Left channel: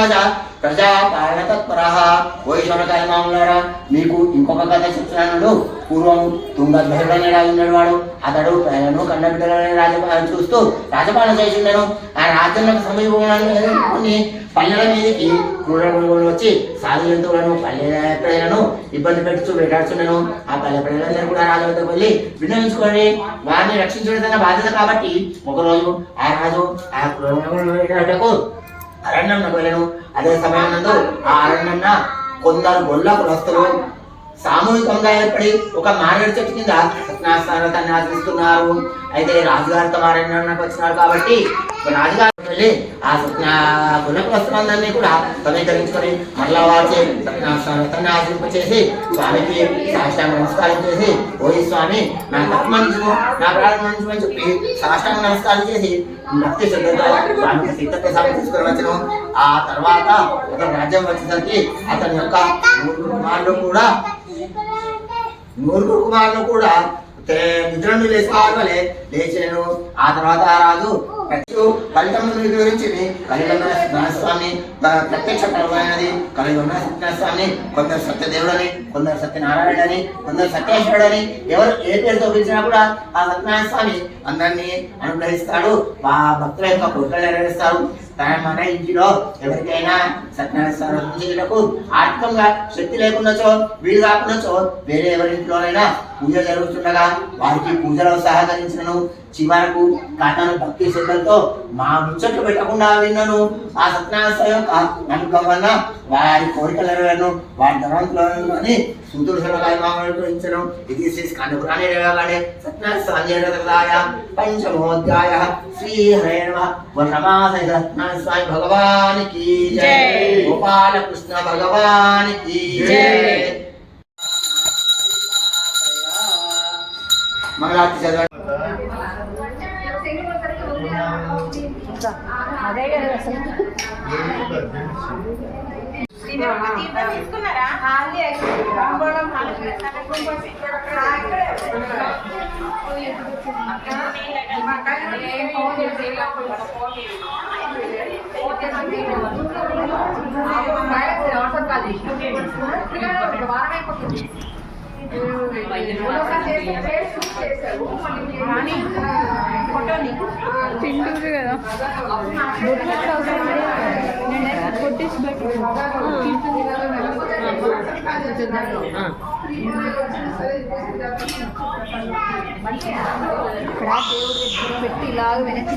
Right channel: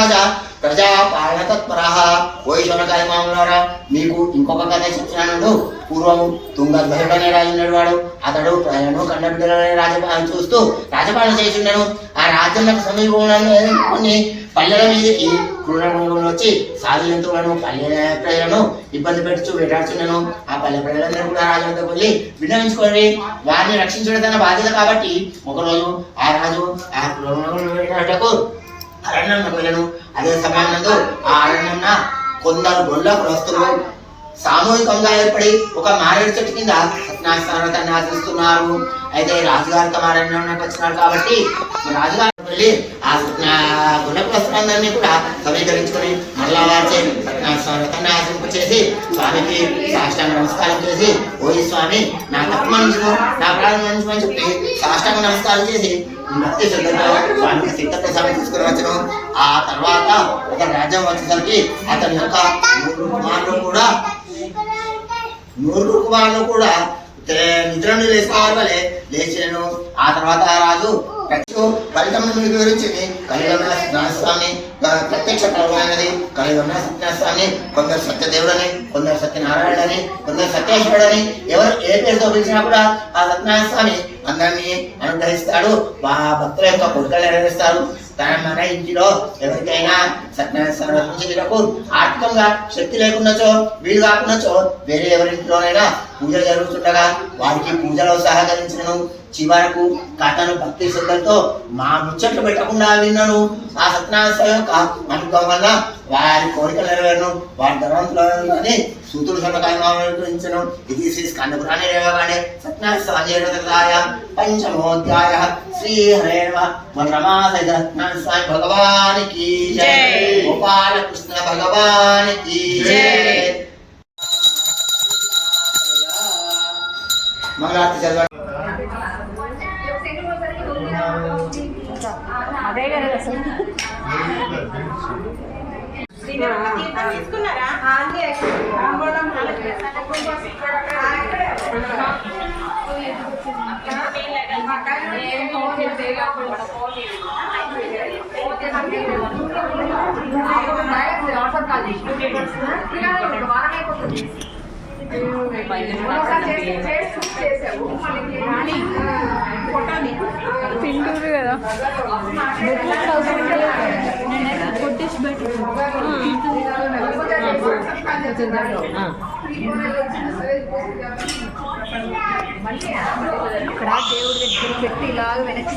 రాజా ప్రజాపాలన తత్పరః. ఓ ఈశ్వరకాయ మామూలారా, మీకు ఇంకొక కథ చెప్తున్నాడు. పూర్వం తుంగధ్వజుడు అనే రాజు ఉన్నాడు. వాడు అతడు ప్రజలను కన్నబిడ్డలనే రాజపాలన చూస్తూ రాజపాలన చేసిండను. ఆ రాజ్యంలో సమీపంలోనే కొన్ని పల్లెల మీదకి క్రూర మృగములు వచ్చి సాధు జంతువులను పల్లె ప్రజలను ఇబ్బంది పెడుతూ వేటాడుతున్నాను. ఆ పల్లె ప్రజలందరూ కూడా రాజు వద్దకు వెళ్ళి విన్నవించుకోండి, వారిని రక్షించడం తన బాధ్యత కాబట్టి ఒకరోజు ఆ రాజు ఆ క్రూర మృగములను వేటాడటకు అరణ్యంలోకి వెళ్ళను. అదే సమయంలో ఆ అరణ్యంన కొందరు గొల్ల కులస్తులు సామూహికంగా ఏర్పడి ఒక మారేడు చెట్టు కింద సత్యనారాయణ ఆచరిస్తున్నారు. అయితే రాజుగారు తమ అరణ్యానికి వచ్చినారు కాబట్టి రాజుగారు వెళ్ళి ఆ గొల్ల కులస్తులందరినీ కూడా సమీకరించుకొని మరలా వారిచే సత్యనారాయణ ఆచరింపచేసి స్వామికి సాష్టాంగ నమస్కారం చేసి, ఓ స్వామి నా తప్పు మనుషులు నా ప్రాణం మనుషులు అని చెప్పి సాష్టాంగ నమస్కారం చేసి భక్తి శ్రద్ధతో స్వామికి సిద్ధప్రసాదం తీసుకుని వచ్చను. ఆ తర్వాత ఒక రాజ్యం వచ్చేసరికి అతని యొక్క నూరుగురు కుమారులు కూడా నిద్ర నుండి లేచుకోవాలి వలె లేచినను. ఆ తర్వాత ఆ రాజు ఫలితం వివరించి కలిగొన్న సత్యనారాయణ ప్రత్యక్ష కలమైనది. కలిగొన్న సత్యనారాయణ కొందరు సత్యదేవుడని, కొందరు సత్యనారాయణని, కొందరు సత్యేశ్వరుడని ఎవరు ఏ పేరుతో పిలిచినా కూడా ఆ సత్యనారాయణ స్వామి అందరినీ అనుగ్రహిస్తాడు. భక్తుల యొక్క కోరికలు నెరవేరుస్తారు. మన ఇంటిలో ఎవరికైనా సత్యనారాయణ ఆర్థికంగా శక్తి లేకున్నచో, వీలు కాకున్నచో వేరే ఎవరింట్లోనైనా పూజ జరుగుతుండగా వారికి పూజలో సహకరించినను. చివరకు కథను భక్తి శ్రద్ధలతో మా ముచ్చట్లు పెట్టకుండా విన్నాను. ఆ సత్యనారాయణ యొక్క అనుగ్రహం వల్ల వారి కోరికలు నెరవేరును. వారి ధనవంతులని సూతుడు శనకాయమాచను. ఇది శ్రీ స్కందపురాణే రేవగానే సత్యనారాయణ పంచమోధ్యాయ. శ్రీ హరే నమః. రమాసహిత సత్యనారాయణ స్వామి భగవానికి జై. గోపాలకృష్ణ భగవానికి జై. మంగళారతి చదవండి. తీసుకున్నారా? తింటుంది కదా బొట్లు అవసరం కొట్టేసి బయట ఇక్కడ దేవుడి దగ్గర పెట్టి ఇలాగ వెనక్కి